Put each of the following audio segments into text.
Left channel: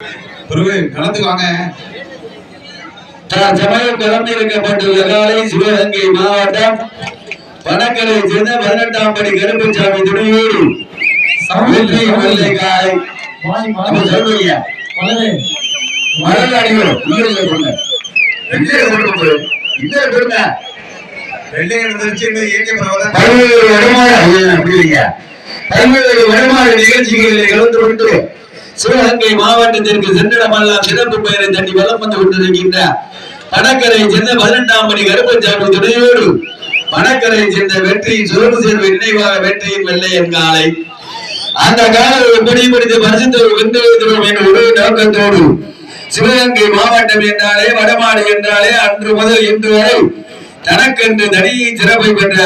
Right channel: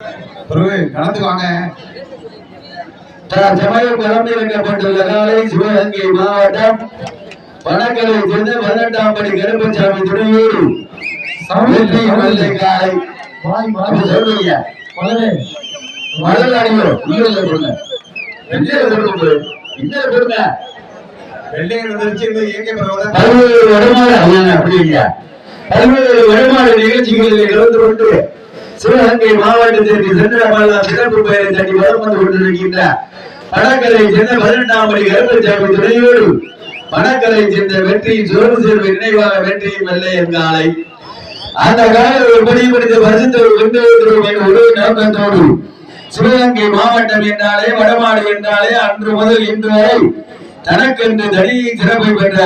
கலந்துக்குவாங்க. சமயம் கலந்திருக்கப்பட்டுள்ள காலை சிவகங்கை மாவட்டம் பணக்கரை சேர்ந்த 18ஆம் படி கருப்பசாமி துணையோடு வெள்ளை காலை சொல்லுங்க. மலர் அணிகள் பல்வேறு வருமான நிகழ்ச்சிகளில் கலந்து கொண்டு சிவகங்கை மாவட்டத்திற்கு சென்றிடமெல்லாம் சிறப்பு பெயரை தட்டி வலம் வந்து கொண்டிருக்கின்ற பணக்கரை சேர்ந்த 18ஆம் படி கருப்பசாமி துணையோடு பணக்கரை சேர்ந்த வெற்றியின் சுரவு சேர்வை நினைவாக வெற்றியின் வெள்ளையன் காலை அந்த காலை படிப்படுத்தி பரிசுத்தோடு வென்று வைக்கிறோம் என்ற ஒரு நோக்கத்தோடு சிவகங்கை மாவட்டம் என்றாலே வடமாடு என்றாலே அன்று முதல் இன்று வரை தனக்கென்று தனியின் சிறப்பை பெற்ற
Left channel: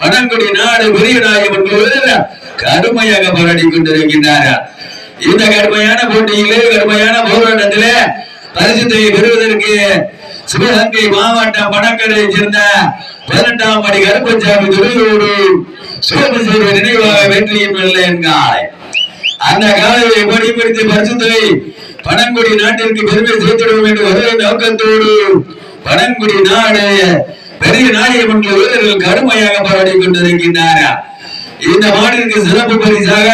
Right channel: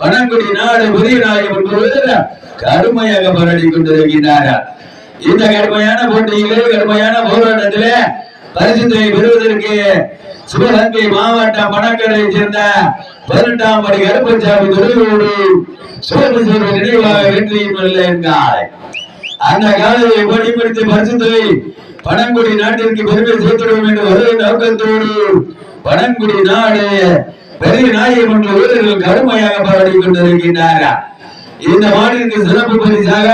பனங்குடி நாடு பெரிய நாயகன் கடுமையாக போராடி கொண்டிருக்கின்றார்கள். இந்த கடுமையான போட்டியிலே கடுமையான போராட்டத்திலே பரிசுத்தை பெறுவதற்கு சிவகங்கை மாவட்டம் பணக்கரை சேர்ந்த 18ஆம் படி கருப்பசாமி துறையோடு சிறப்பு செய்த நினைவாக வெற்றியின் வெள்ளையன் காலை அந்த காலையை படிப்படுத்தி பரிசுத்தை பனங்குடி நாட்டிற்கு பெருமை சேர்த்திடுவோம் என்று ஒரே நோக்கத்தோடு பனங்குடி நாடு பெரிய நாயகன் வீரர்கள் கடுமையாக போராடி கொண்டிருக்கின்றார்கள். இந்த மாநிலத்திற்கு சிறப்பு பரிசாக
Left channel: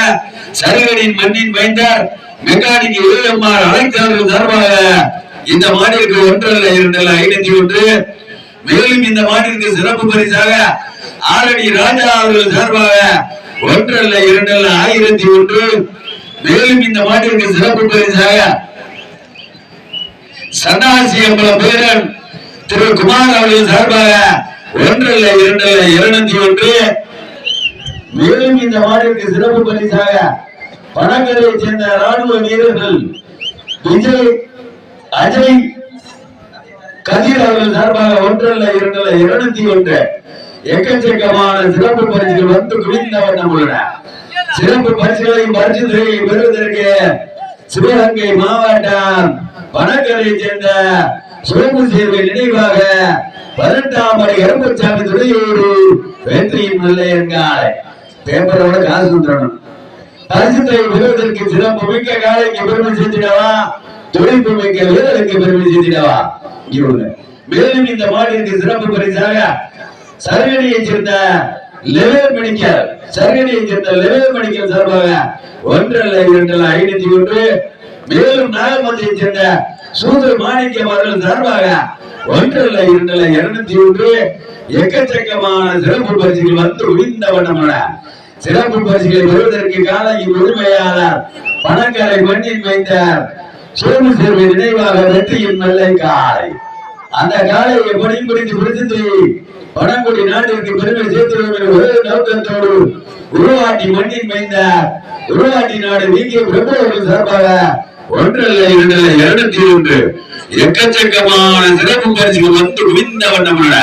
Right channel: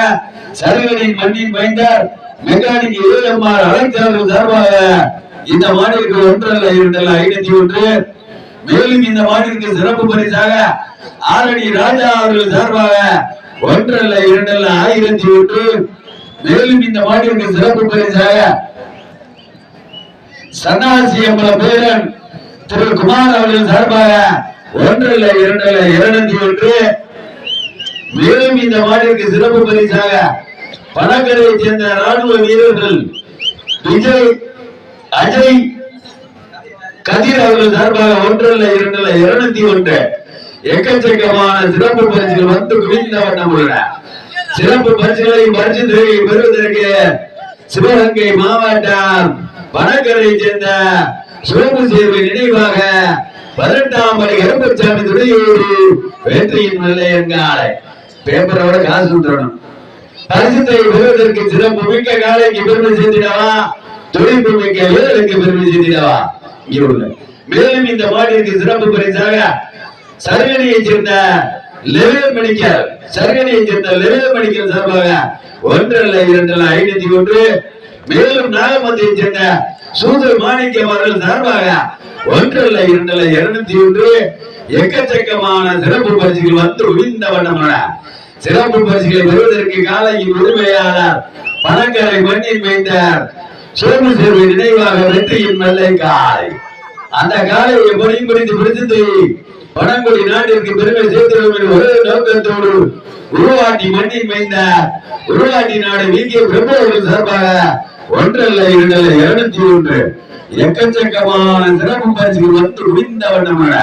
சரகனின் மண்ணின் மைந்தார் மெக்கானிக் ஏஎம்ஆர் அழைத்தார்கள் சார்பாக இந்த மாநிலத்திற்கு 1 2 501. மேலும் இந்த மாநிலத்திற்கு சிறப்பு பரிசாக ஆரணி ராஜா அவர்கள் சார்பாக 1 2 1001. மேலும் இந்த மாநிலத்திற்கு சிறப்பு பரிசாக சன்னாசி அம்பலம் பேரன் திரு குமார் அவர்கள் சார்பாக 1 2 201. மேலும் இந்த மாநிலத்திற்கு சிறப்பு பரிசாக பணக்கரை சேர்ந்த ராணுவ வீரர்கள் விஜய் அஜய் கதிர் அவர்கள் சார்பாக 1 2 201. எக்கச்சக்கமான சிறப்பு பரிசுகள் வந்து குவிந்த வண்ணம் உள்ளன. சிறப்பு பரிசுகளையும் பரிசுகளையும் பெறுவதற்கு சிவகங்கை மாவட்டம் பணக்கரை சேர்ந்த சிறப்பு சேர்வை நினைவாக 18ஆம் படி கருப்பசாமி துறையோடு வெற்றியின் வெள்ளையன் காலை பேப்பரோட காசு வந்துடணும். பரிசுத்தை பெறுவதற்கு சிறப்பு மிக்க காலைக்கு பெருமை சேர்த்திடவா, துடிப்பு மிக்க வீரருக்கு பெருமை சேர்த்திடவா. மேலும் இந்த மாநிலத்திற்கு சிறப்பு பரிசாக சரகணியை சேர்ந்த லெவல் மெடிக்கல் சார்பாக 1 2 501. மேலும் நாகமந்தியை சேர்ந்த சூதர் மாணிக்கம் அவர்கள் சார்பாக 1 2 201. எக்கச்சக்கமான சிறப்பு பரிசுகள் வந்து உவிந்த வண்ணமான சிறப்பு பரிசுகளை பெறுவதற்கு காலையின் உரிமையாளர் பணக்கரை மண்ணின் மைந்தார் சோமு சேர்வை நினைவாக வெற்றியின் வெள்ளை காலை அந்த காலையை பணிபுரிந்து பிடித்து பனங்குடி நாட்டிற்கு பெருமை சேர்த்துள்ளோம் என்ற ஒரே நோக்கத்தோடு உருவாட்டி மண்ணின் மைந்தார் உருவாட்டி நாடு வீங்கிய பிரபுவர்கள் சார்பாக 1 2 201. எக்கச்சக்கமான சிறப்பு பரிசுகள் வந்து குவிந்த வண்ணமான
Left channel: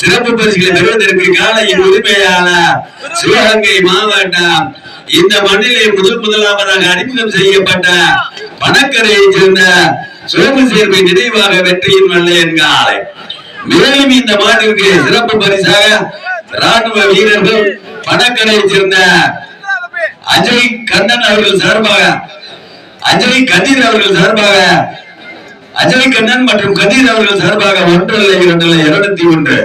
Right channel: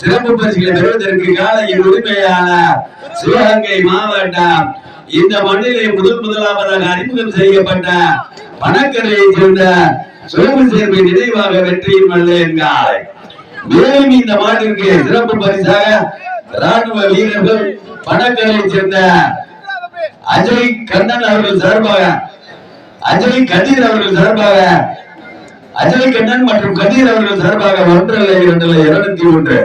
சிறப்பு பரிசுகளை பெறுவதற்கு காலையின் உரிமையாளர் சிவகங்கை மாவட்டம் இந்த மண்ணிலே முதலாவதாக அறிமுகம் செய்யப்பட்ட பணக்கரையை சேர்ந்த சோமு சேர்வை நினைவாக வெற்றியின் வெள்ளையன் காலை. மேலும் இந்த மாட்டிற்கு சிறப்பு பரிசாக ராணுவ வீரர்கள் பணக்கரையை சேர்ந்த அஜய் கண்ணன் அவர்கள் சார்பாக அஜய் கதிர் அவர்கள் சார்பாக அஜய் கண்ணன் மற்றும் கதிர் அவர்கள் சார்பாக 1 2 201.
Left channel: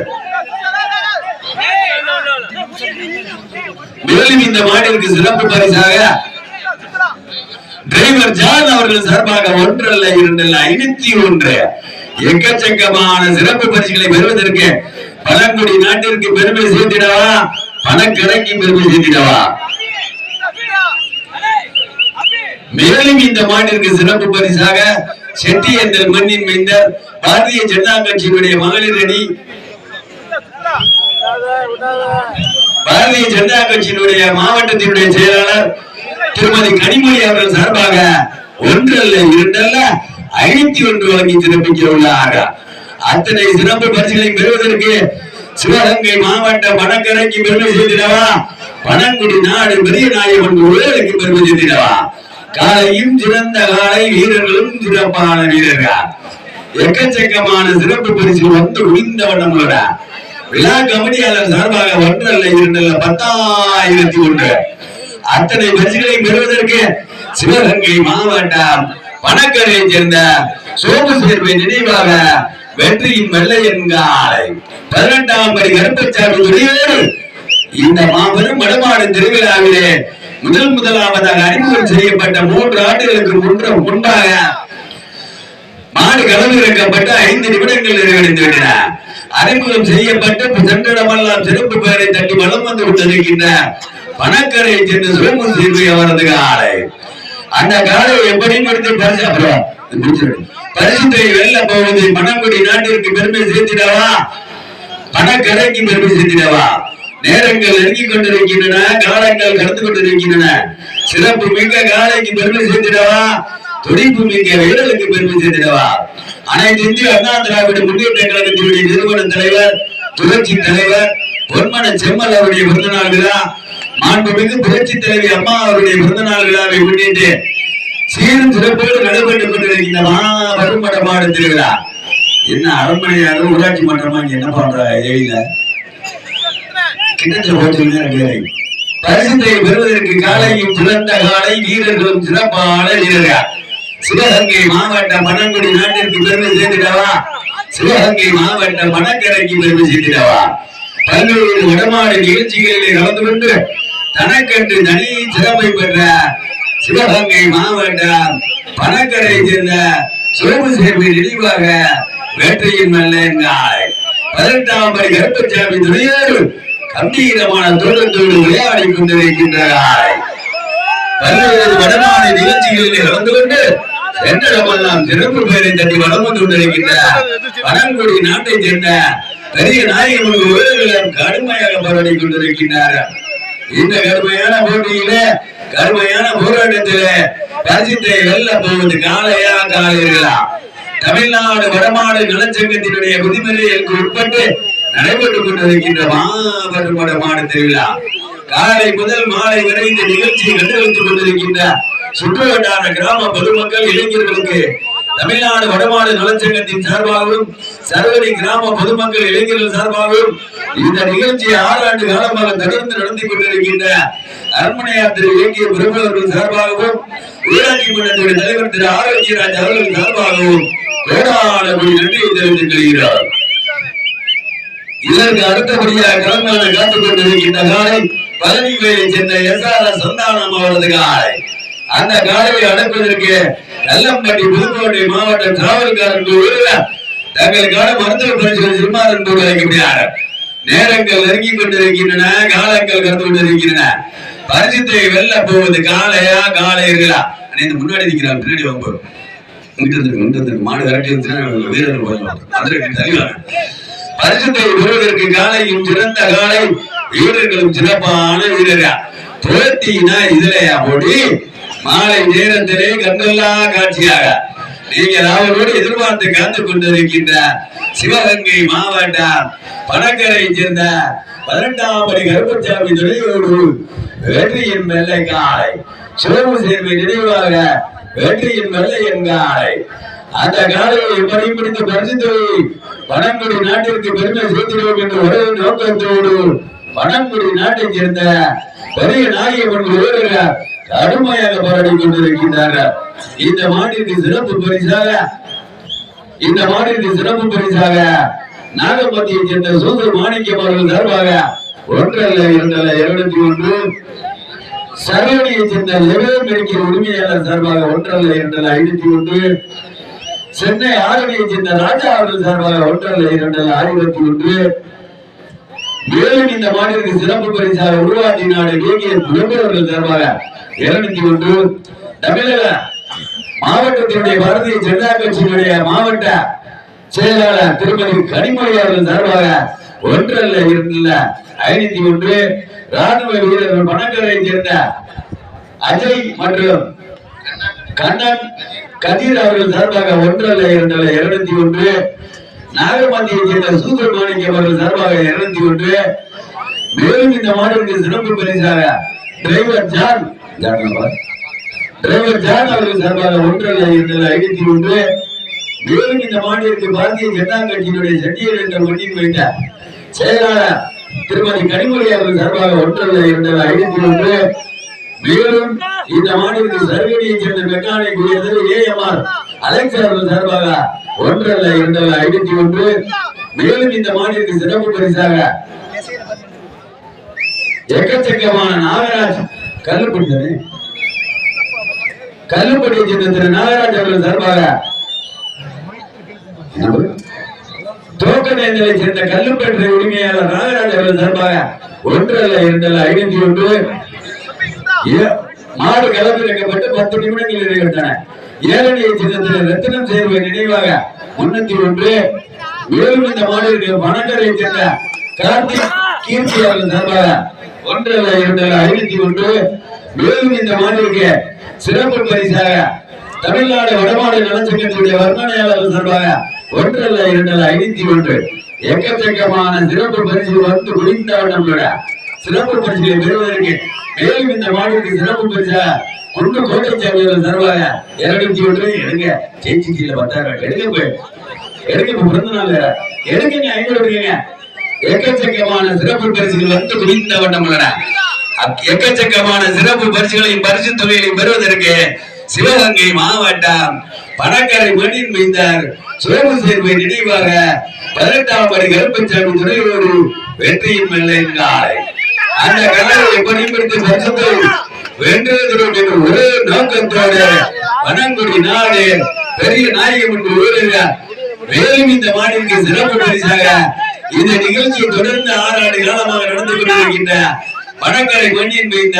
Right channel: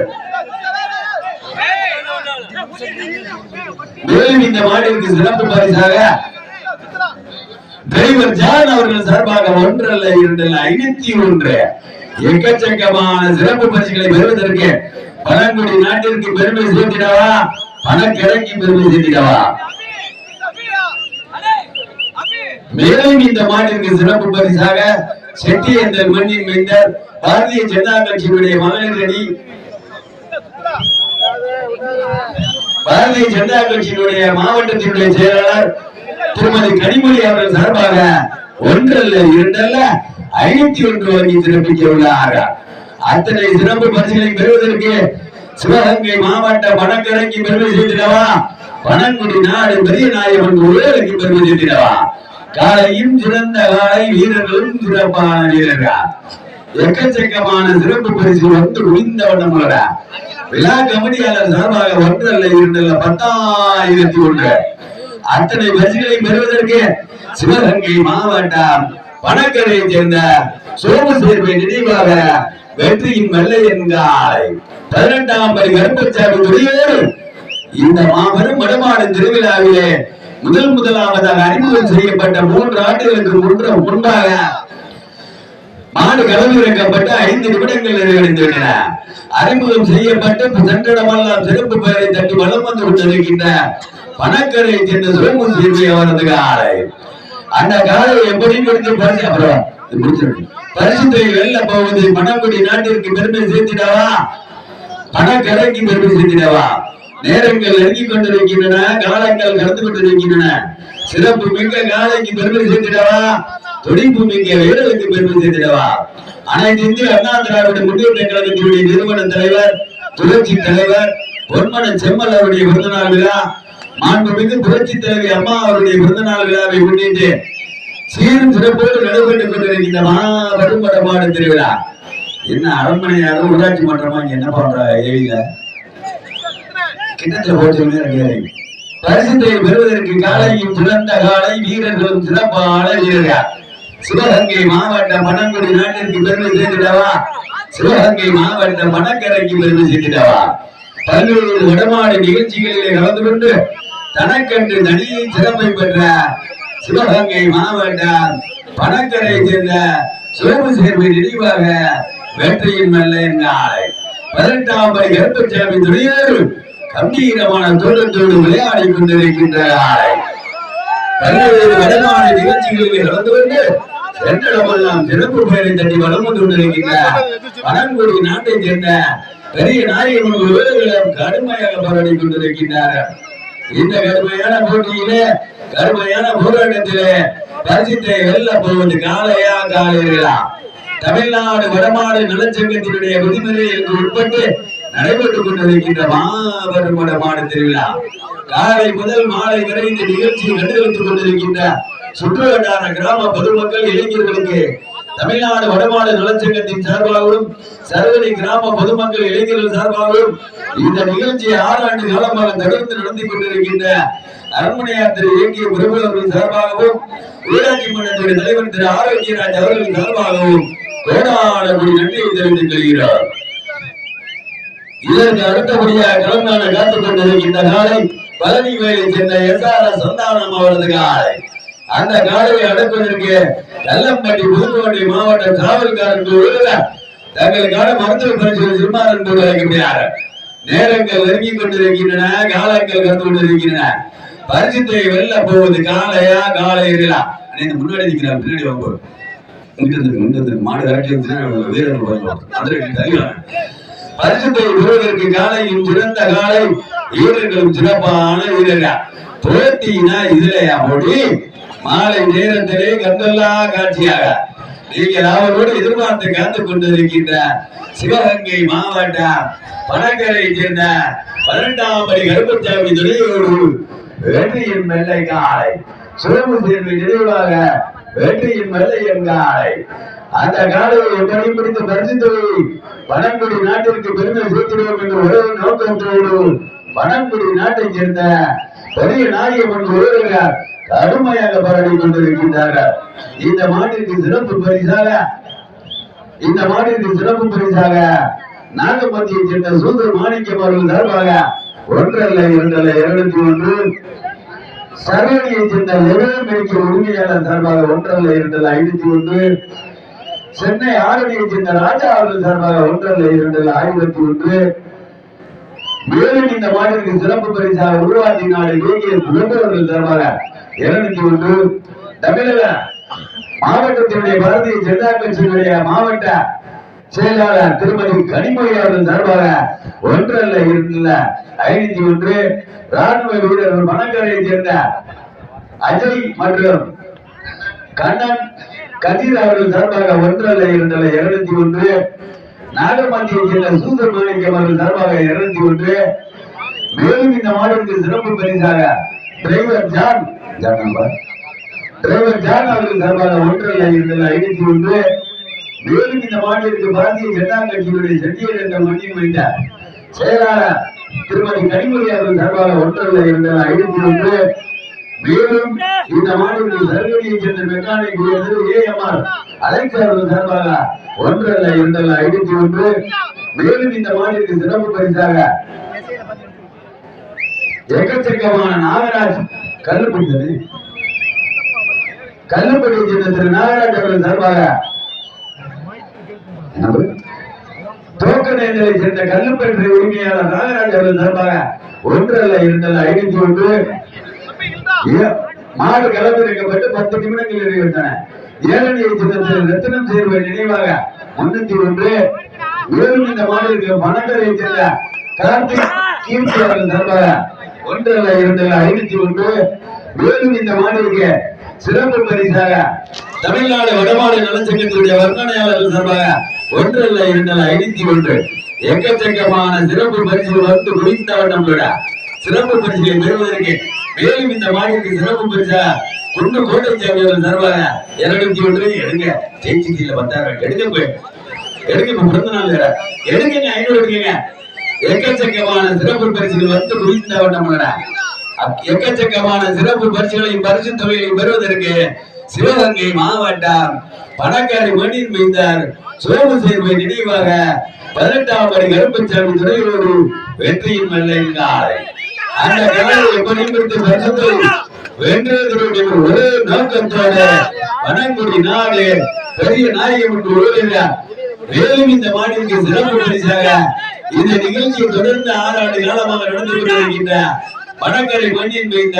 மேலும் இந்த மாட்டிற்கு சிறப்பு பரிசாக டிரைவர் ஜான் அவர்கள் சார்பாக 1 2 501. எக்கச்சக்கமான சிறப்பு பரிசுகளை பெறுவதற்கு பனங்குடி நாட்டிற்கு பெருமை சேர்த்திடவா, பணக்கரைக்கு பெருமை சேர்த்திடவா. மேலும் இந்த மாட்டிற்கு சிறப்பு பரிசாக செட்டி என்ற மண்ணின் மைந்தர் பாரதிய ஜனதா கட்சியினுடைய மகளிர் அணி பாரதிய ஜனதா கட்சியினுடைய மாவட்டத்தினுடைய செயலாளர் திருமதி கனிமொழி அவர்கள் சார்பாக 1 2 501 வழங்கி சிறப்பிக்க உள்ளார். அத்தனை சிறப்பு பரிசுகளை பெறுவதற்கு சிவகங்கை மாவட்ட பணக்கரைக்கு பெருமை சேர்த்திடவா, பனங்குடி நாடு பெரிய நாயகன் ஊழலுக்கு பெருமை சேர்த்திடவா. காலையும் சிறந்த காலை, வீரர்களும் சிறப்பான வீரர்கள். எக்கச்சக்கமான சிறப்பு பரிசு வந்து உயிர்ந்த வண்ணங்களோட விழா கமிட்டியாளர் சார்பாக 1 2 10,001. அத்தனை பரிசுகளை பெறுவதற்கு சிவகங்கை மாவட்டம் பணக்கரை சேர்ந்த சோமு சேர்வை நினைவாக வெற்றியின் வெள்ளையன் காலை 18ஆம் படி கருப்பசாமி துறையோடு இந்த மாபெரும் வடமாடு திருவிழாவிலே முதலாவதாக அறிமுகம் செய்யப்பட்ட 3 ஆண்டுகளுக்கு முன்பாக மாடு களமிறக்கப்பட்டு 5 நிமிடங்கள் நிறைவடைந்து விட்டன. அறிமுகம் செய்யப்பட்டு சென்றடமெல்லாம் சிறப்பு பெயரை தட்டி வளம் வந்து கொண்டிருக்கின்ற பணக்கரை சேர்ந்த சோமு சேர்வை அவரது காலை. அந்த காலை எப்படி எடுத்து பரிசு அப்புறம் பரிசுத்தை வெல்ல போவது பணங்குடி நாட்டிற்கு பெருமை சேர்த்திடவா, பணக்கரைக்கு பெருமை சேர்த்திடவா? நேரங்கள் நெருங்கிக் கொண்டிருக்கின்றன, காலங்கள் கடந்து கொண்டிருக்கின்றன. சிறப்பு மிக்க காலைக்கு பெருமை சேர்த்திடவா, துடிப்பு மிக்க வீரர்களுக்கு பெருமை சேர்த்திடவா? அனைத்து இந்திய அண்ணா திராவிட முன்னேற்ற கழகத்தினுடைய நிறுவன தலைவர், புரட்சி தலைவர் பொன்மன செம்மல் அவருடைய பிறந்தநாள் விழா, மாண்புமிகு புரட்சி தலைவி அம்மா அவருடைய பிறந்தநாள் விழாவை முன்னிட்டு சீரும் சிறப்போடு நடைபெற்றுக் கொண்டிருக்கின்ற மாபெரும் வடமாடு திருவிழா. என்ன அரண்மனையாரும் ஊராட்சி மன்றமா என்ன பண்ற ஏயில கிண்ணத்துல போட்டு பரிசுத்தை பெறுவதற்கு காலையும் சிறந்த காலை, வீரர்களும் சிறப்பான வீரர்கள். சிவகங்கை மாவட்ட பணங்குடி நாட்டிற்கு பெருமை சேர்த்திடவா, சிவகங்கை மாவட்ட பணக்கரைக்கு பெருமை சேர்த்திடவா? பல்வேறு வடமாடு நிகழ்ச்சிகளிலே கலந்து கொண்டு தனக்கென்று தனி சிறப்பை பெற்ற சிவகங்கை மாவட்டம் பணக்கரை சேர்ந்த சோமு சேர்வை நினைவாக வெற்றியின் வெள்ளையன் காலை 18ஆம் படி கருப்பசாமி துறையோடு கம்பீரமான தோட்டத்தோடு விளையாடி கொண்டிருக்கின்ற காலை. பல்வேறு வடமான நிகழ்ச்சிகளிலே கலந்து கொண்டு சென்றடமெல்லாம் சிறப்பு பெயரை தட்டி வளம் வந்து கொண்டிருக்கின்ற பணங்குடி நாட்டை சேர்ந்த பெரிய நாயகன் வீரர்களும் கடுமையாக போராடி கொண்டிருக்கின்றார்கள். இந்த கடுமையான போட்டியிலே, கடுமையான போராட்டத்திலே பரிசுத்தை வெல்ல போவது காளையா காளையர்களா? தமிழ்நாடு வடமாடு நலச்சங்கத்தினுடைய விதிமுறைகளுக்கு உட்பட்டு நடைபெற்றுக் கொண்டிருக்கின்ற மாபெரும் வடமாடு திருவிழா. காலை முதல் மாலை வரை இந்த நிகழ்ச்சியை கண்டுகளித்துக் கொண்டிருக்கின்ற சுற்றுவட்டார கிராம பொதுமக்கள், இளைஞர்களுக்கு தமிழ்நாடு வடமாடு நலச்சங்கத்தின் சார்பாகவும் சர்வரி கிராம பொதுமக்கள் இளைஞர்கள் சார்பாகவும் இந்த நிகழ்ச்சி 6 ஆண்டு காலமாக தொடர்ந்து நடந்து கொண்டிருக்கின்ற அரண்மனையார் திரு இயக்கிய பிரபலர்கள் சார்பாகவும் ஊராட்சி மன்றத்துடைய தலைவர் திரு ஆரோக்கியராஜ் அவர்கள் சார்பாகவும் கோடான நன்றியை தெரிவித்துக் கொள்கிறார். இதற்கு அடுத்தபடியாக கலந்தான காத்துக் கொண்டிருக்கின்ற காலை பழனி வேலை சேர்ந்த எஸ்ஆர்எஸ் சந்தானம் அவரது காலை. அந்த காலையை அடக்குவதற்கு கல்லம்பட்டி புதுக்கோட்டை மாவட்ட காவல்காரர்கள் தங்களுக்கான மருத்துவ பரிசோதனை சிறுமாறன் போடு அழைக்கப்படுகிறார். நேரங்கள் நெருங்கிக் கொண்டிருக்கின்றன, காலங்கள் கடந்து கொண்டிருக்கின்றன. பரிசுத்தை வெல்ல போவது காளையா காளையர்களா? முன்னாடி நிற்கிறார், பின்னாடி வாங்க மாடு விரட்டி வீரர்கள் பரிசுத்தை பெறுவதற்கு காலையும் சிறந்த காலை, வீரர்களும் சிறப்பான வீரர்கள். போட்டினா இதுலையா போட்டி? மாலை நேரத்திலே கண்டல்லா காட்சியாக நீங்கள் அவரோடு எதிர்பார்த்து காத்துக் கொண்டிருக்கின்ற சிவகங்கை மாவட்டம் பணக்கரை சேர்ந்த 18ஆம் படி கருப்பசாமி துறையோடு வெற்றியின் வெள்ளை காலை, சோமு சேர்வை நினைவாக வெற்றியின் வெள்ளையன் காலை. அந்த காலையை எப்படி பிடித்து பரிசுத்தொகை பணங்குடி நாட்டிற்கு பெருமை சேர்த்திடுவோம் என்று ஒரே நோக்கத்தோடு பணங்குடி நாட்டை சேர்ந்த பெரிய நாயகன் வீரர்கள் கடுமையாக போராடி கொண்டிருக்கின்றார்கள். இந்த மாட்டிற்கு சிறப்பு பரிசாக நாகப்பட்டியை சேர்ந்த சூதர் மாணிக்கம் அவர்கள் சார்பாக 1 அல்ல 2 அல்ல 201, சரவணியை சேர்ந்த மெடிக்கல் உரிமையாளர் சார்பாக 1 அல்ல 2 அல்ல 501, சென்னை ஆரணியை சேர்ந்த ராஜா அவர்கள் சார்பாக 1 அல்ல 2 அல்ல 1001, மேலும் இந்த மாநிலத்திற்கு சிறப்பு பரிசாக உருவாட்டி நாடு அவர்கள் சார்பாக 201, தமிழக மாவட்டத்தினுடைய பாரதிய ஜனதா கட்சியினுடைய மாவட்ட செயலாளர் திருமதி கனிமொழி அவர்கள் சார்பாக 1 அல்ல 2 அல்ல 501, ராணுவ வீரர்கள் பணக்கரை சேர்ந்த அஜய் மற்றும் கண்ணன் கதிர் அவர்கள் சார்பாக 1 அல்ல 2 அல்ல 201, நாகமந்தியை சேர்ந்த சூதர் மாணிக்கம் அவர்கள் சார்பாக 201. மேலும் இந்த மாநிலத்திற்கு சிறப்பு பரிசாக டிரைவர் ஜான் அவர்கள் சார்பாக 1 அல்ல 2 அல்ல 501. மேலும் இந்த மாநிலத்திற்கு பாரதிய ஜனதா கட்சியினுடைய செட்டியர் என்ற மண்ணின் வைத்த செயலாளர் திருமதி கனிமொழி அவர்கள் சார்பாக 1 அல்ல 2 அல்ல 501. மேலும் இந்த மாநிலத்திற்கு சர்வீதியை சேர்ந்த மெக்கானிக் ஏஎம்ஆர் அலெக்ஸ் அவர்கள் சார்பாக 1 அல்ல 2 அல்ல 51. மேலும் இந்த மாநிலத்திற்கு சிறப்பு பரிசாக எக்கச்சக்கமான நாகராஜ் கல்லுப்படியை சேர்ந்த திரு நாகராஜ் அவர்கள் சார்பாக தோக்கநேந்தலை சேர்ந்த கல்லுப்பற்றை உரிமையாளர் நாகராஜ் அவர்கள் சார்பாக 1 அல்ல 2 அல்ல 51. மாடு களமிறக்கப்பட்டு 10 நிமிடங்கள் நிறைவேற்றன. ஏழனியை சேர்ந்த ரத்தினம் சேர்வை நினைவாக 301. மேலும் இந்த மாநிலத்திற்கு பணக்கரை சேர்ந்த கார்த்திக் கீர்த்தி அவர்கள் சார்பாக 1 அல்ல 2 அல்ல 51. மேலும் இந்த மாநிலத்திற்கு சிறப்பு பரிசாக தமிழ்நாடு வடமாடு நலச்சங்கத்தினுடைய வர்ணனையாளர்கள் சார்பாக 1 அல்ல 2 அல்ல 51. எக்கச்சக்கமான சிறப்பு பரிசுகள் வந்து முடிந்தவண்ணம் சிறப்பு பரிசுகளை பெறுவதற்கு மேலும் இந்த மாநிலத்திற்கு சிறப்பு பரிசா குண்டு கோட்டைச்சாமி அவர்கள் சார்பாக 201. எடுங்க ஜெயிச்சில 10,000 எடுக்க பிறந்த நாள் எடுங்க 500 எடுங்க. எக்கச்சக்கமான சிறப்பு பரிசுகள் வந்து முடிந்தவண்ணம் எக்கச்சக்கமான சிறப்பு பரிசுகளையும் பரிசு தொகைகளையும் பெறுவதற்கு சிவகங்கை மாவட்டம் பணக்கரை மண்ணின் மீந்தார் சோமு சேர்வை நினைவாக 18ஆம் படி கருப்பசாமி துறையோடு வெற்றியின் வெள்ளையின் காலை அந்த காலை எப்படி பரிசுத்தை வென்றதற்கு ஒரு நோக்கத்தோடு வனங்குடி நாடு பெரிய நாயகம் என்று ஊருகிறார். மேலும் இந்த மாநிலத்திற்கு சிறப்பு பரிசாக இந்த நிகழ்ச்சியை தொடர்ந்து 6 ஆண்டு காலமாக நடந்து கொண்டிருக்கின்ற பணக்கரை மண்ணின் வைத்த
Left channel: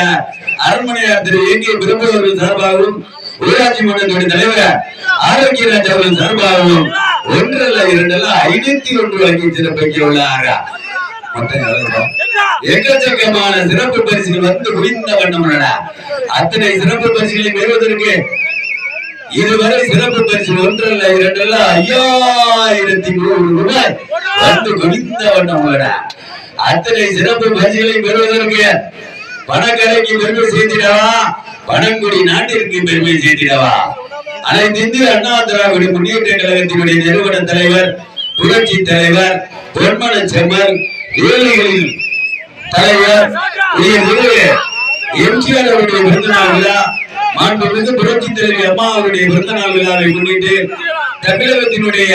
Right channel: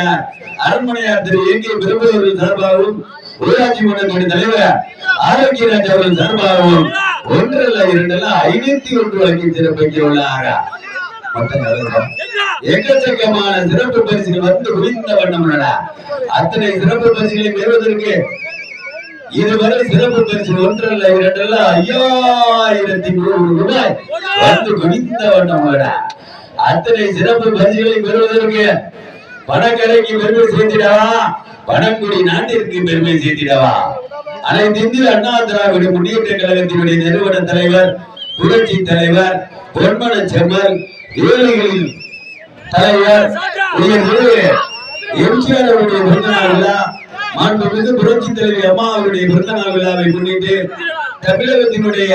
அரண்மனையார் திரு ஏகே பிரபுவர்கள் சார்பாகவும் ஊராட்சி மன்றத்தினுடைய தலைவர் ஆரோக்கியராஜ் அவர்கள் சார்பாகவும் 1 அல்ல 2 அல்ல 501 வழங்கி சிறப்பிக்க உள்ளார். எக்கச்சக்கமான சிறப்பு பரிசுகள் வந்து குவிந்த வண்ணம் அத்தனை சிறப்பு பரிசுகளை பெறுவதற்கு இதுவரை சிறப்பு பரிசு 1 அல்ல 2 அல்ல 5100 ரூபாய் வந்து குவிந்த வண்ணம் அத்தனை சிறப்பு பரிசுகளை பெறுவதற்கு பணக்கரைக்கு பெருமை சேர்த்திடவா பணங்குடி நாட்டிற்கு பெருமை சேர்த்திடவா அனைத்து இந்திய அண்ணா திராவிட முன்னேற்ற கழகத்தினுடைய நிறுவன தலைவர் புரட்சி தலைவர் பொன்மன செம்மர் ஏழைகளின் தலைவர் எம்ஜிஆர் அவருடைய பிறந்தநாள் விழா மாண்புமிகு புரட்சி தலைவர் அம்மா அவருடைய பிறந்தநாள் விழாவை முன்னிட்டு தமிழகத்தினுடைய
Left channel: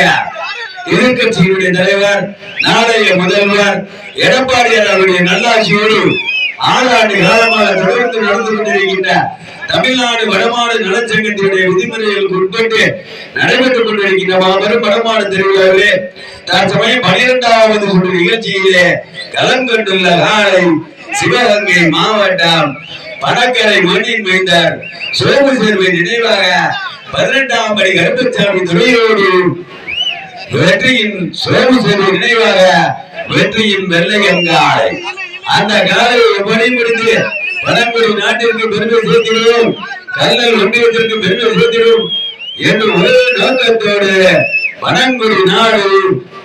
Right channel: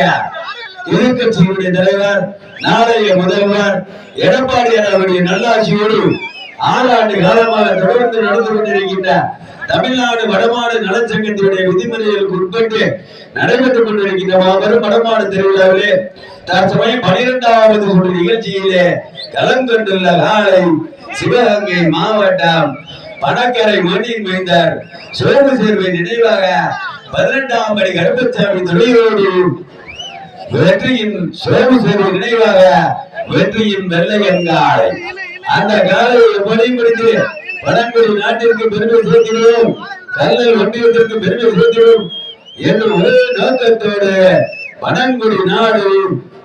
எதிர்கட்சியினுடைய தலைவர் நாளைய முதல்வர் எடப்பாடியார் அவருடைய நல்லாட்சியோடு 6 ஆண்டு காலமாக தொடர்ந்து நடந்து கொண்டிருக்கின்ற தமிழ்நாடு வடமாடு நலச்சங்கத்தினுடைய விதிமுறைகளுக்கு உட்பட்டு நடைபெற்றுக் கொண்டிருக்கின்ற மாபெரும் வடமாடு திருவிழாவிலே தற்சமயம் 12வது சுற்று நிகழ்ச்சியிலே களம் கொண்டுள்ள காலை சிவகங்கை மாவட்டம் பணக்கரை மண்ணின் மைந்தர் சோமு சேர்வை நினைவாக 18ஆம் படி கருப்பசாமி துறையோடு வெற்றியின் சோமு சேர்வை நினைவாக வெற்றியின் வெள்ளையங்காலை அந்த காலையை எப்படி முடித்து பழங்குடி நாட்டிற்கு பெருமை சேர்த்திடுவோம் கல்லல் ஒன்றியத்திற்கு பெருமை சேர்த்திடுவோம் என்று ஒரே நோக்கத்தோடு பழங்குடி நாடு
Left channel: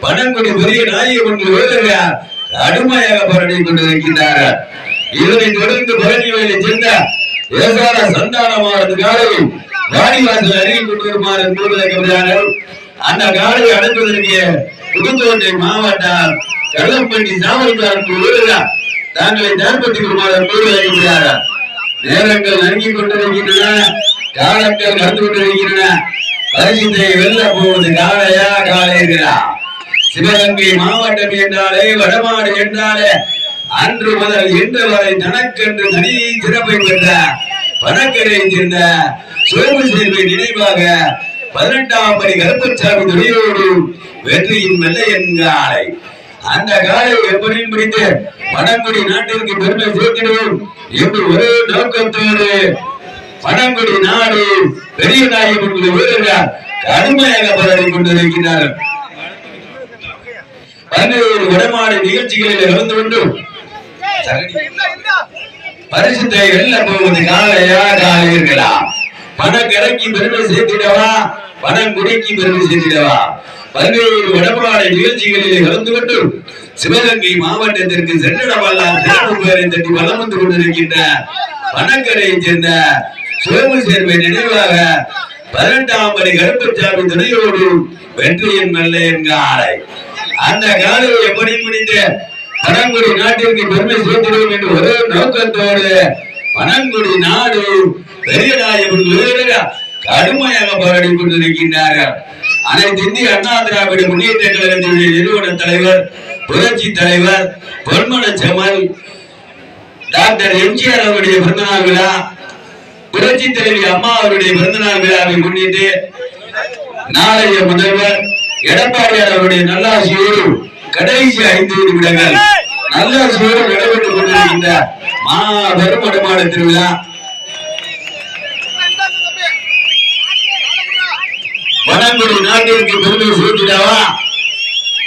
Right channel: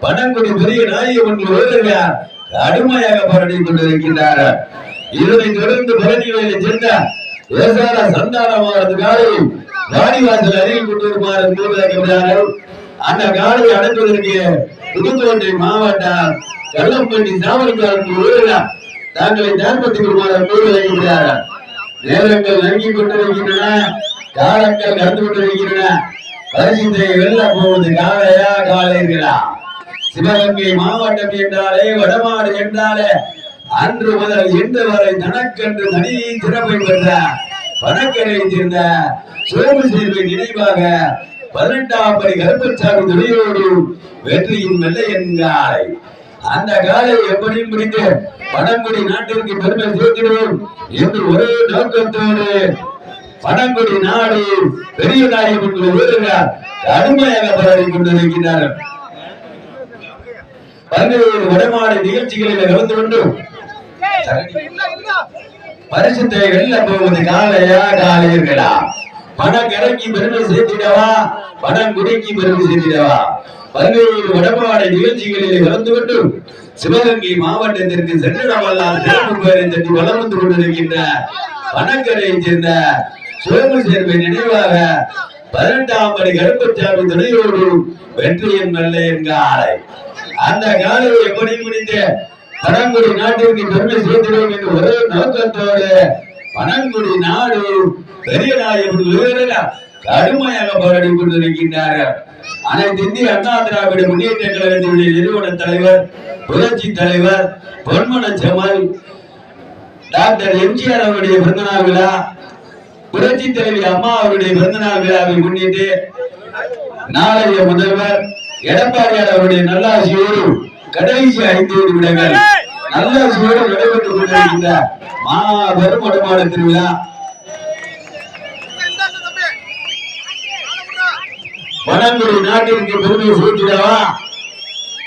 பழங்குடி பெரிய நாயகம் என்று வருகிறார் கடுமையாக போராடி கொண்டிருக்கின்றார்கள். இதனை தொடர்ந்து பழனி வேலை சேர்ந்த ஏசார சந்தானமானது காலை வாடிவாசல் அருகில் கொண்டு வருமாறு கூறுகிறார்கள். அந்த காலையை அடைப்பதற்கு புதுக்கோட்டை மாவட்டம் கள்ளம்பட்டி சாவல்காரன் வருகிறார் தாங்களை தயார்படுத்திக் கொள்ளுமாறு கூறுகிறார்கள். நேரங்கள் நெருங்கிக் கொண்டிருக்கின்றன, காலங்கள் கடந்து கொண்டிருக்கின்றன. பரிசுத்தை வெல்ல போவது காலையா காலையா? சிவகங்கை மாவட்டம் என்றாலே வடமாடு என்றாலே அன்று முதல் இன்று வரை தனக்கென்று தனி சிறப்பை பெற்ற பணக்கரை சேர்ந்த சோமு சேர்வை நினைவாக 18ஆம் படி கருப்பசாமி துறையோடு வெற்றியின் வெள்ளையன் காலை அந்த காலை எப்படி பிடித்து பழங்குடி நாட்டிற்கு பெருமை சேர்த்திடுவோம் என்று ஒரே நோக்கத்தோடு பழங்குடி நாடு பெரிய நாயகம் வீரர்கள் கடுமையாக போராடி கொண்டிருக்கிறார்கள். 11 வடமாடு நிகழ்ச்சிகளில் கலந்து கொண்டு பரிசுத்தை வெல்ல போவது காலையா காலையர்களா? பணக்கரைக்கு பெருமை சேர்த்திடவா பணங்குடிக்கு பெருமை சேர்த்திடவா? 11 வடமாடு நிகழ்ச்சிகளில் கலந்து கொண்டு சிவகங்கை மாவட்டத்திற்கு சென்றிடவெல்லாம் சிறப்பு பெயரை தட்டி வளம் வந்து கொண்டிருக்கின்ற பணக்கரையை சேர்ந்த சோமு சேர்வை நினைவாக 18ஆம் படி கருப்பசாமி துணையோடு வெற்றியின் வெள்ளையன் காலை அந்த காலையை எப்படி முடித்து பழங்குடி நாட்டிற்கு பெருமை சேர்த்திடுவோம் என்று ஒரே நோக்கத்தோடு பனங்குடி நாடு பெரியநாயகன் கடுமையாக போராடி கொண்டிருக்கின்றார்கள். அனைத்து இந்திய அண்ணா திராவிட முன்னேற்ற கழகத்தினுடைய நிறுவன தலைவர், புரட்சி தலைவர் பொன்மன செம்மல் டாக்டர் எம்ஜிஆர் அவருடைய பிறந்தநாள் விழா, புரட்சி தலைவி அம்மா அவருடைய பிறந்தநாள் விழாவை முன்னிட்டு நாளைய முதல்வர் எடப்பாடியார் அவருடைய நல்லாசியோடு கடைசி 5 நிமிடங்கள் நல்லாசியோடு நடைபெற்றுக் கொண்டிருக்கின்ற மாபெரும் வடமாடு திருவிழா பனங்குடி நாட்டிற்கு பெருமை சேர்த்திடவா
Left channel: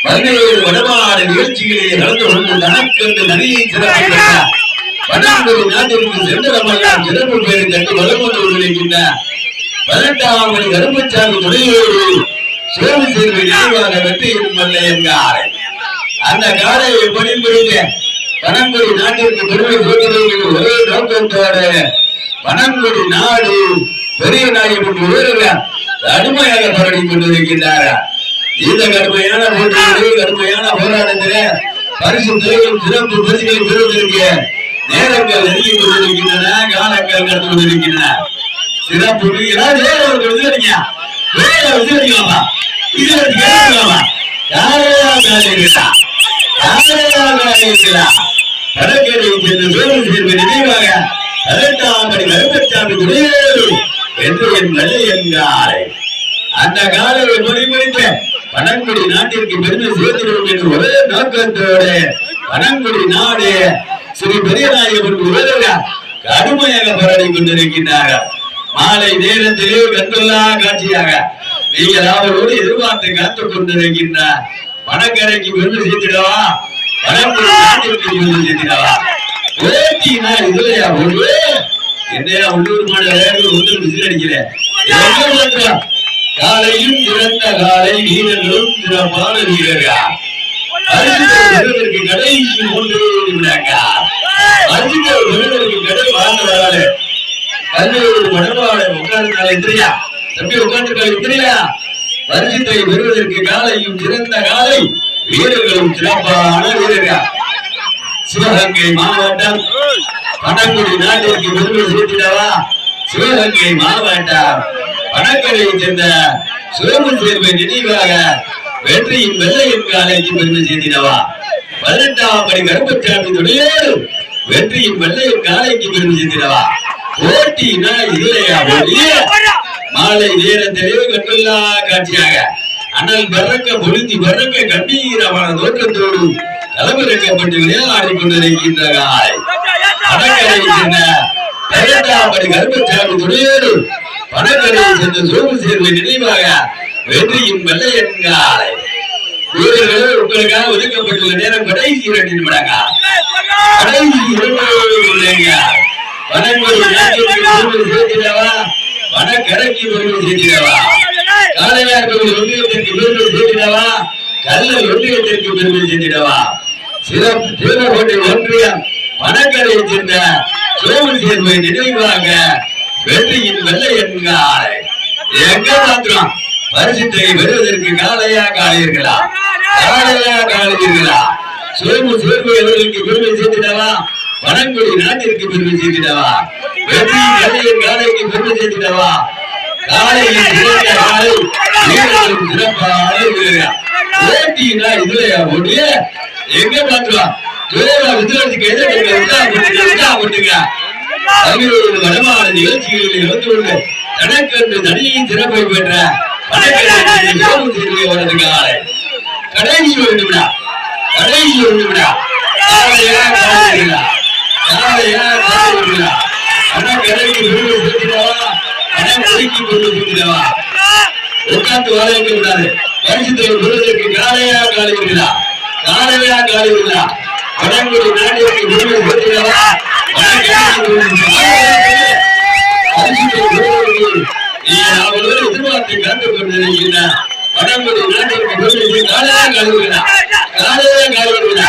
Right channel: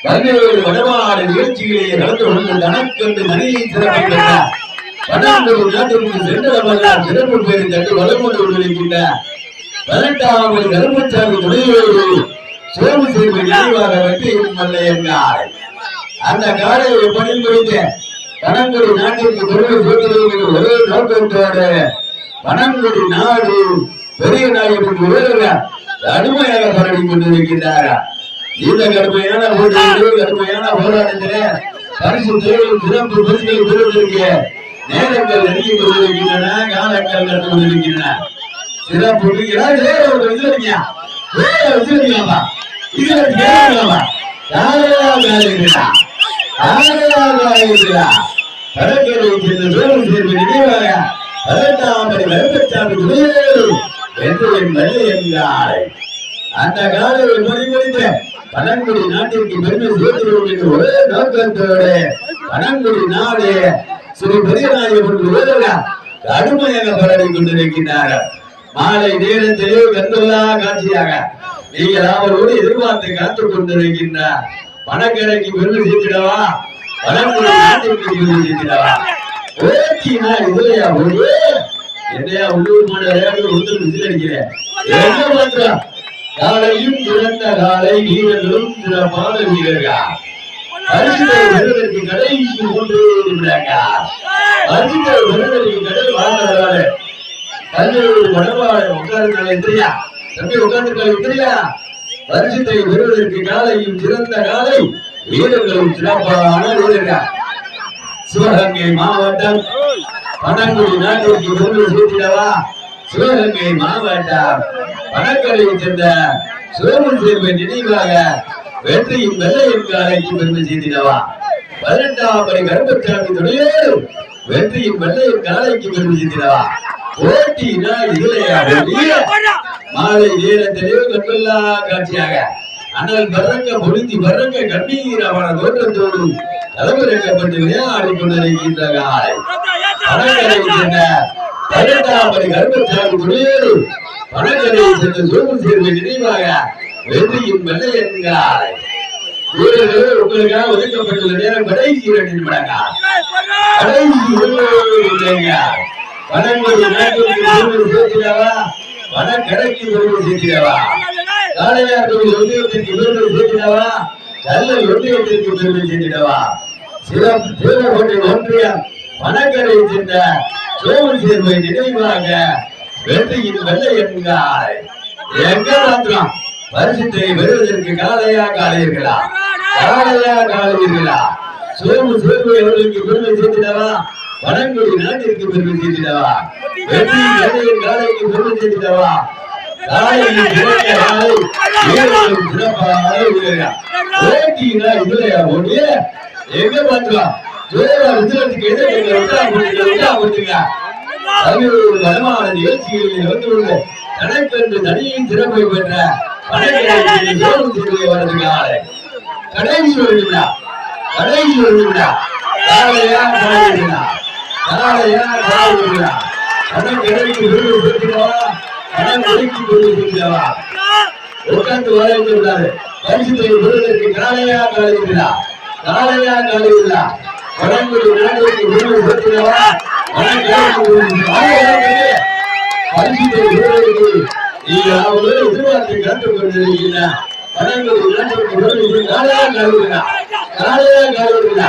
17 வடமாடு நிகழ்ச்சிகளிலே கலந்து கொண்டு தனக்கென்று மணியை சிறப்பித்தார். பனங்குடி நாட்டிற்கு சென்றவர்கள் சிறப்பு பேரை கண்டு வளம் கொண்டு கொண்டிருக்கின்ற 18ஆம் கருப்பசாமி துணையோடு சோழ சேர்வை நினைவாக வெற்றியின் மல்லையங்காரை அந்த காலை எப்படி முடிந்த பனங்குடி நாட்டிற்கு பெருமை சேர்த்திருக்கிற ஒரே நோக்கத்தோடு பனங்குடி நாடு பெரிய நாயகன் உயர்வு கடுமையாக போராடி கொண்டிருக்கின்றார்கள். இந்த கடுமையான போராட்டத்திலே பரிசு தேவையும் சிறப்பு பரிசுகளை பெறுவதற்கு நேரங்கள் நெருங்கி கொண்டிருக்கின்றன, காலங்கள் கடந்து கொண்டிருக்கின்றன. சிறப்பு நினைவாக 18ஆம் கருப்பசாமி துணையோடு என்று என் வெள்ளையங்காரை அந்த காலையை முடித்த பனங்குடி நாட்டிற்கு பெருமை சேர்த்திடும் என்று ஒரே நோக்கத்தோடு பனங்குடி நாடு ஸ்ரீ பெரியநாயகன் கடுமையாக போராடி கொண்டிருக்கின்றார்கள். மாலை நேரத்திலே கண்கொள்ளா காட்சியாக நீங்கள் அவரோடு எதிர்பார்த்து காத்துக் கொண்டிருக்கின்ற பணக்கரைக்கு பெருமை சேர்த்திடவா, பனங்குடி நாட்டிற்கு பெருமை சேர்த்திடவா. ஒரேட்டினா இதுலையா ஒரு என்னையா உள்ளூர் மாடு விளையாடு ஒன்று விசில் அடிக்கிறேன். காலையும் சிறந்த காலை, வீரர்களும் சிறப்பான வீரர்கள். பரிசுக்கு கடைசி 3 நிமிடங்கள் பரிசுக்கு கடை வாழ்ந்தவர்களால 17 வடமாடு உட்கார்ந்து எந்திரியா தம்பி உட்கார்ந்து எந்திரியா. பரிசுத்தை பெறுவதற்கு காலையும் சிறந்த காலை, வீரர்களும் சிறப்பான வீரர்கள். சிவகங்கை மாவட்டம் பனங்குடி நாட்டிற்கு பெருமை சேர்த்திடவா. சிவகங்கை மாவட்டம் பனக்கரையை சேர்ந்த சோழன் சேர்வை நினைவாக வெற்றியின் வெள்ளையின் காலைக்கு பெருமை சேர்த்திடவா. 18ஆம் கருப்பசாமி துணையோடு வெற்றியின் வெள்ளையின் காலைக்கு பெருமை சேர்த்திடவா. போட்டினா இல்லையா மாலை நேரத்திலே கண்கொள்ளா காட்சியாக அனல் பறக்க பொழுதி பறக்க கண்ணீரமான தோற்றத்தோடு தலைமைப்பட்டு விளையாடி கொண்டிருக்கின்ற காலை பனக்கரையை சேர்ந்த 18ஆம் கருப்பசாமி துணையோடு பனக்கரையை சேர்ந்த சோழன் சேர்வை நினைவாக வெற்றியின் வெள்ளையன் காலை. வீரர்கள் உங்களுக்காக ஒதுக்கப்பட்டுள்ள நேரம் கடைசி 2 நிமிடங்கள். கடைசி 2 நிமிடங்கள். பனங்குடி நாட்டிற்கு பெருமை சேர்த்திடவா, பனக்கரைக்கு பெருமை சேர்த்திடவா. காளையார் கோவில் ஒன்றியத்திற்கு பெருமை சேர்த்திடவா, கல்லல் ஒன்றியத்திற்கு பெருமை சேர்த்திடவா. சிறப்பு தேவகோட்டை ஒன்றியம் பனக்கரையை சேர்ந்த சோழன் சேர்வை நினைவாக வெற்றியின் வெள்ளையன் காலை. எங்க மாத்திரம் பரிசுத்தை பெறுவதற்கு காளையா காளையர்களா, காளையா காளையர்களா. சோழன் சேர்வை அவர்களுக்கு பெருமை சேர்த்திடவா, பனங்குடி நாட்டிற்கு பெருமை சேர்த்திடவா. வெற்றியின் வெள்ளையன் காளைக்கு பெருமை சேர்த்திடவா. காளையின் சிறந்த காலை, வீரர்களும் சிறப்பான வீரர்கள். ஓட்டினா இதுலையா ஓட்டிய எங்க மாத்திரம் விதிலத்துக்கு எதிர்க்க வடமான நிகழ்ச்சிகளில் இருந்து கொண்டு தனக்கென்று தனியை சிறப்பை பெற்ற வரது காலை. கடைசி 1 நிமிடம், கடைசி 1 நிமிடம். காளையா காளையா, காளையா காளையா. பனக்கரைக்கு பெருமை சேர்த்திடவா, பனக்கரைக்கு பெருமை சேர்த்திடவா. உட்கார்ந்து வளைக்க விடாது. பரிசுத்தை பெறுவதற்கு காளையா காளையா, காளையா காளையா. பனங்குடி நாட்டிற்கு பெருமை சேர்த்திடவா, எதிர்பார்த்து காத்துக் கொண்டிருக்கின்ற பனங்குடி நாட்டிற்கு பெருமை காளையா காளையா, காளையா காளையா.